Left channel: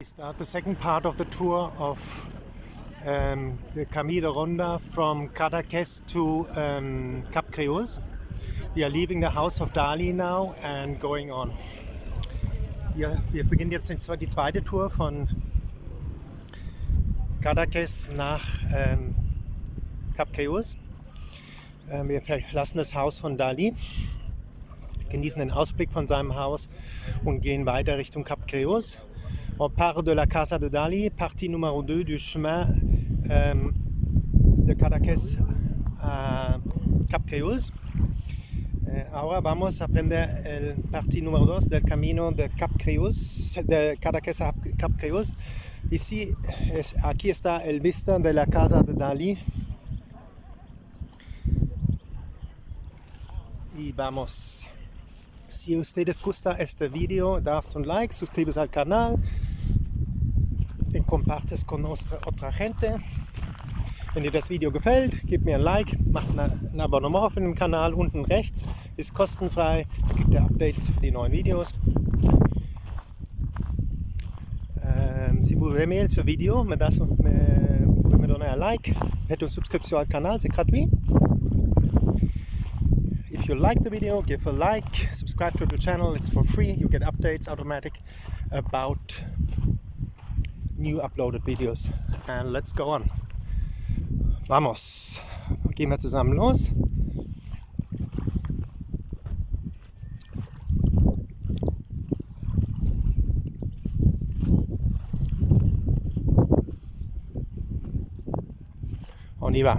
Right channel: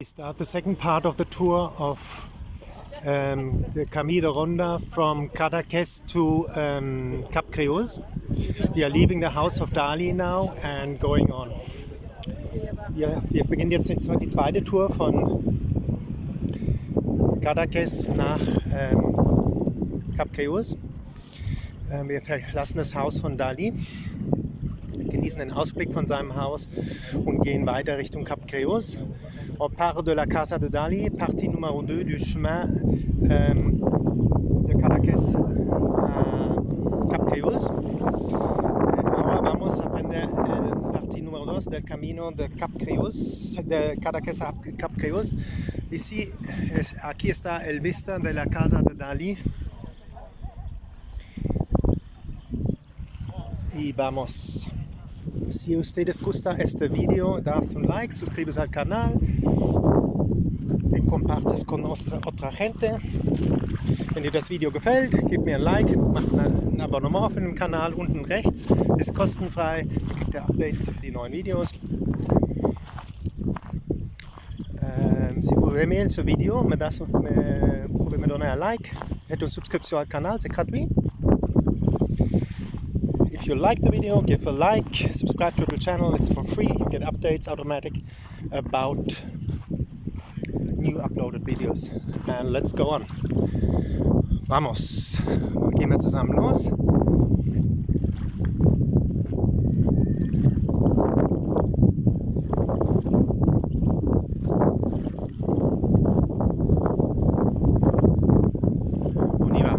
We start the second part of the tour of the Camino Ronda from Cadaques to Cap Creus. We are leaving the house of Dali now and going on. Wir beginnen jetzt die zweite Tour von Cadaques nach Cap Creus. Wir verlassen das Haus von Dali, genießen den Ausblick von seinem Haus und gehen weiter Richtung Cap Creus. On part de la Casa de Dali, partie numéro 2 du chemin de Cadaques a Cap Creus. Ahora vamos a aprender el partie numéro 2 del camino de Cap Creus, de Cadaques a Cap Creus. Aquí está el vista de la Casa de Dali. Y vamos. Si ustedes gusta este video, das un like, suscribes al canal y compartes con otra gente. Wenn dir das Video gefällt, gib mir ein Like, macht ein Abonnement auf dem Kanal unten rechts, ist kostenfrei, kriegt ihr Updates für die neuen Videos. Si vous aimez ce video, pouvez me donner un like, faites une subscription al canal, c'est gratuit. If you like the video, give a like, subscribe to the channel, it's for free. You get updates automatic about new uploaded videos. And let's go on. Vamos! Gehen wir zusammen los. On y va.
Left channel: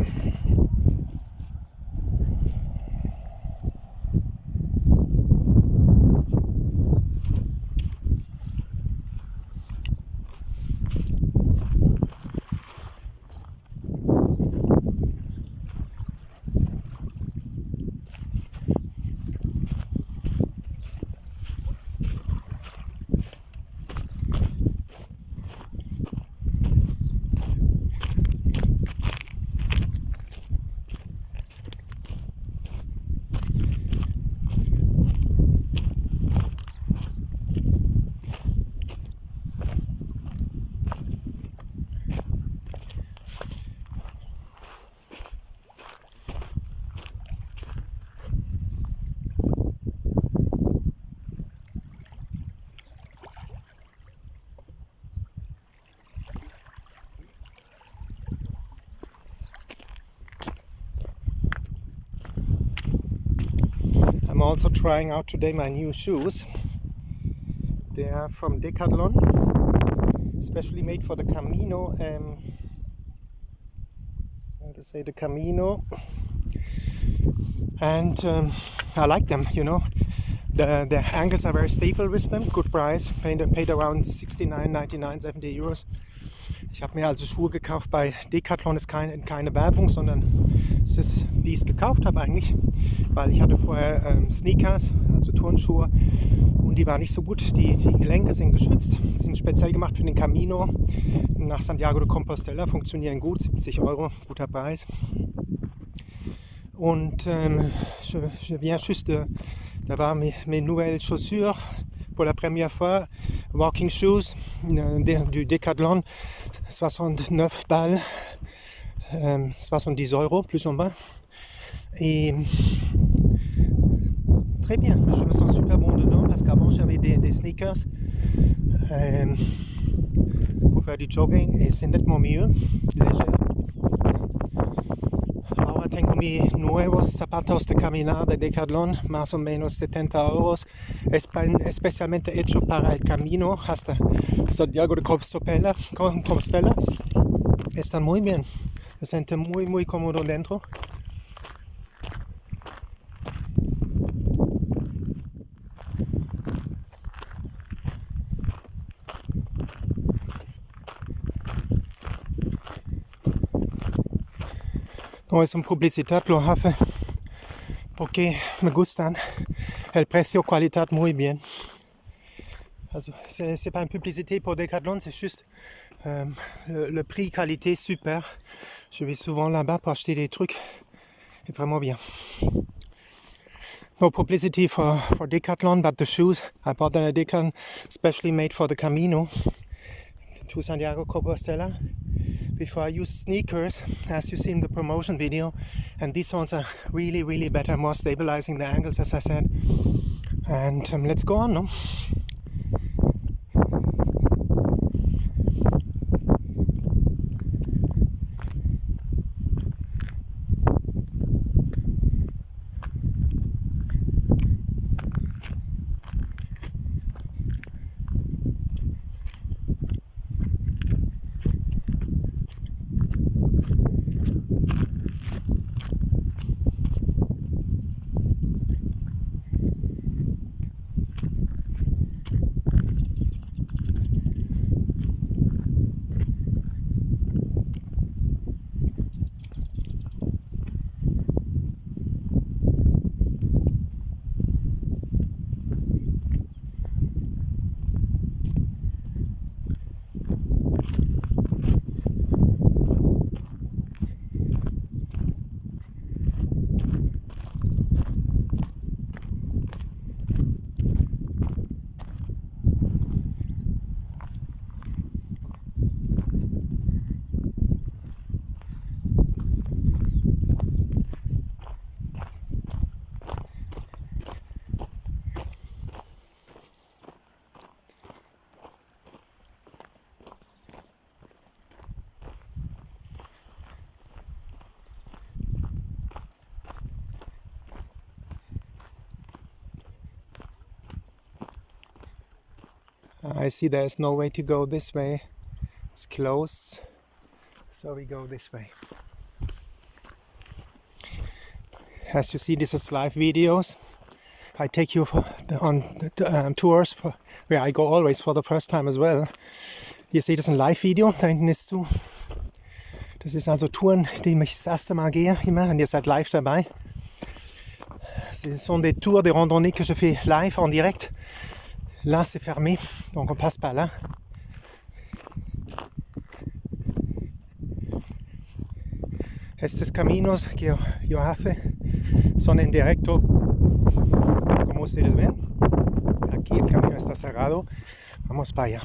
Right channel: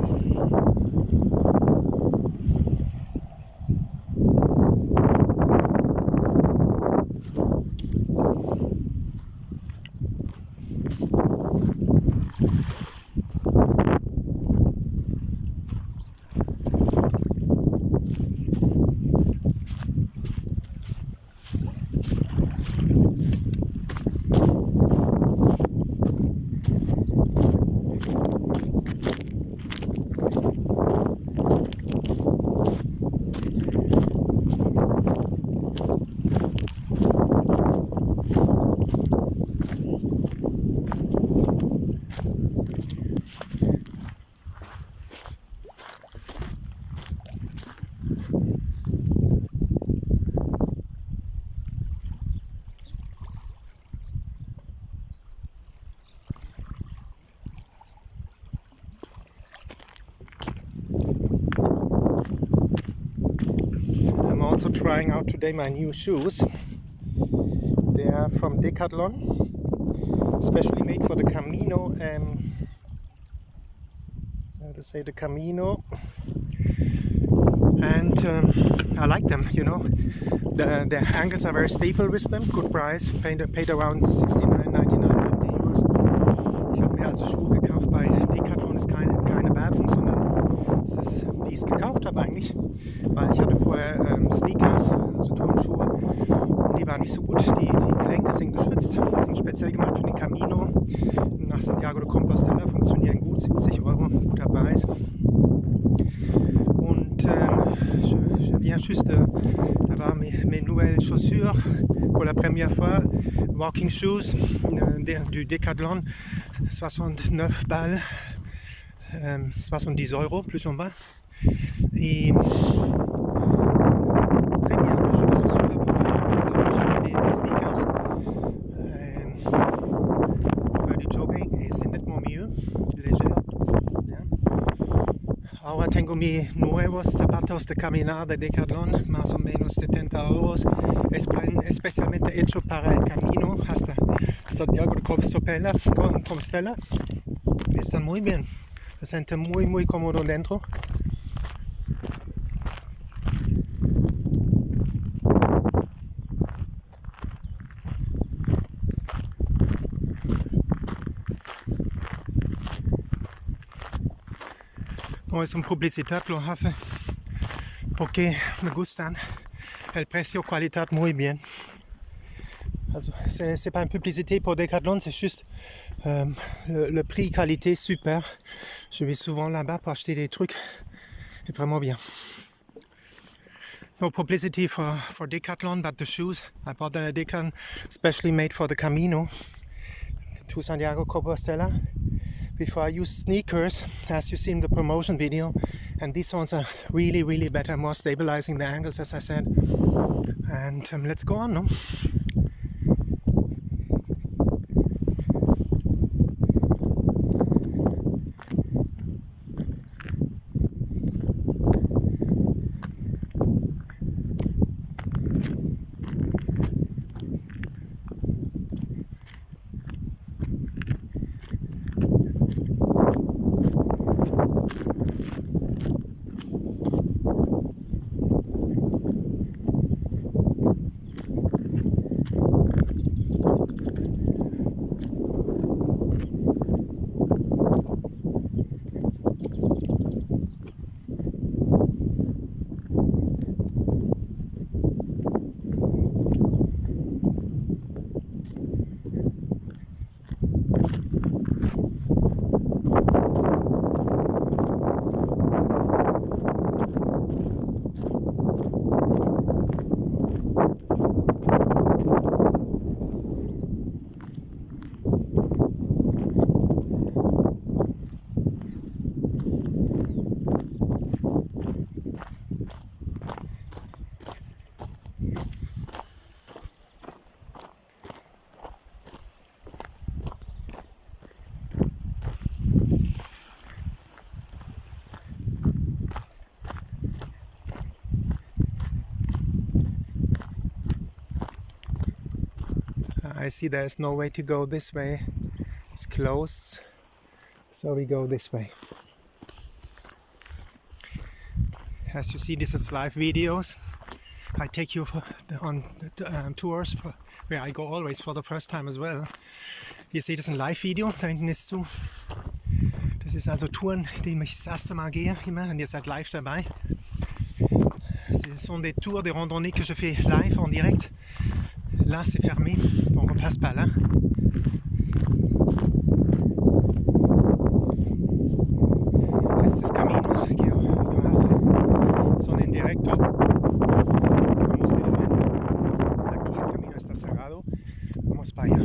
I'm also trying out today my new shoes. They are from Decathlon, especially made for the Camino. How to say, the Camino, and I like them. You know, the ankles are very stable with them. Good price. Paid around 69,99, 70 Euros. Ich habe mir also Schuhe gekauft bei Decathlon, ist keine Werbung, sondern es ist, wie ich es gekauft habe eigentlich, weil ich hatte vorher Sneakers, also Turnschuhe, und die waren nicht so gut, die Gelenke sind geschützt, sind speziell gemacht für den Camino nach Santiago de Compostela, funktionieren gut, 70 Euro, guter Preis. Und je viens juste d'avoir mes nouvelles chaussures pour la première fois, walking shoes du Decathlon, 69 balles, 70 euros plus en bas. Et très bien, je me sens super bon dedans parce qu'avant j'avais des sneakers pour faire du jogging et c'est nettement mieux, léger. Ahora tengo mis nuevos zapatos de caminar de Decathlon, más o menos 70 euros, especialmente hecho para el camino hasta Santiago de Compostela. Están muy bien, me siento muy cómodo dentro. No es una publicidad, lo hace porque me gustan. El precio, calidad, muy bien. Also, c'est pas une publicité pour Decathlon, c'est juste le prix, qualité, super. Je vais souvent là-bas pour acheter des trucs. C'est vraiment bien. No publicity for Decathlon, but the shoes I bought at Decathlon, especially made for the Camino. to Santiago Compostela before I use sneakers, as you see in the promotion video, and these ones are really, really better, more stabilizing the ankles, as I said. And let's go on, no? I see there's no way to go this way. It's closed, so we go this way. As you see, this is live videos. I take you on tours where I go always for the first time as well. Hier seht ihr ein Live-Video, da hinten ist zu. Das ist also Touren, die ich das erste Mal gehe, immer, und ihr seid live dabei. Ce sont des tours de randonnée que je fais live en direct. Là c'est fermé, donc on passe par là. Estos caminos que yo hace son en directo, como ustedes ven. Aquí el camino está cerrado, vamos para allá.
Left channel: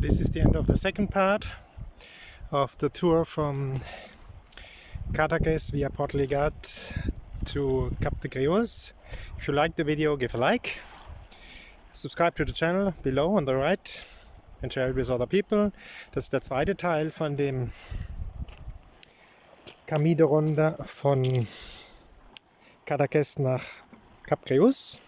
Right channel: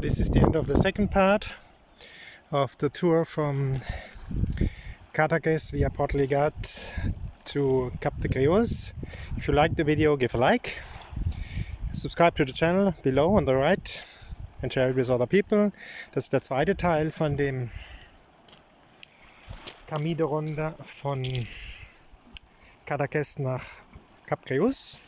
this is the end of the second part of the tour from Cadaques via Portligat to Cap de Creus. If you like the video, give a like. Subscribe to the channel below on the right and share it with other people. Das ist der zweite Teil von dem Camino-Runde von Cadaques nach Cap Creus.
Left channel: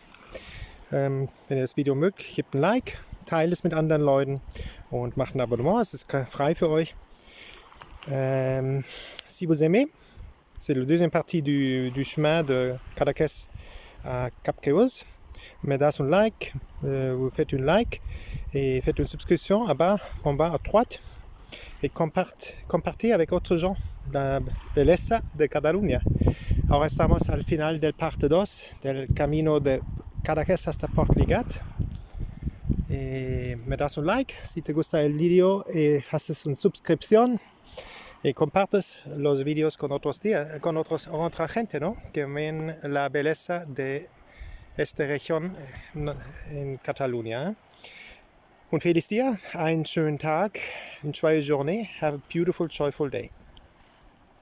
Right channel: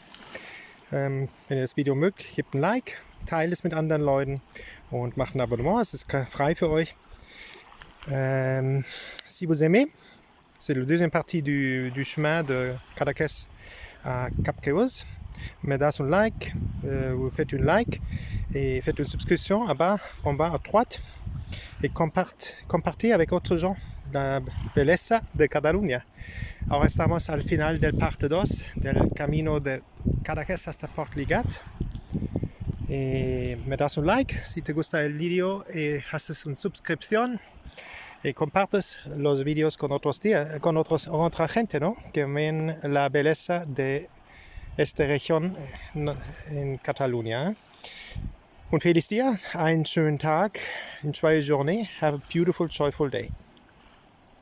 Wenn ihr das Video mögt, gebt ein Like, teilt es mit anderen Leuten und macht ein Abonnement. Es ist frei für euch. Si vous aimez, c'est la deuxième partie du chemin de Cadaques à Cap Creus. Mettez un like, vous faites un like et faites une subscription en bas à droite et compartez avec d'autres gens la belleza de Catalunya. Ahora estamos al final del parte 2 del camino de Cadaques hasta Portligat. Me das un like si te gusta el video y haces una suscripción y compartes los videos con otra gente, ¿no? Que ven la belleza de esta región en Catalunya. Un feliz día, einen schönen Tag, une joyeuse journée, have a beautiful, joyful day.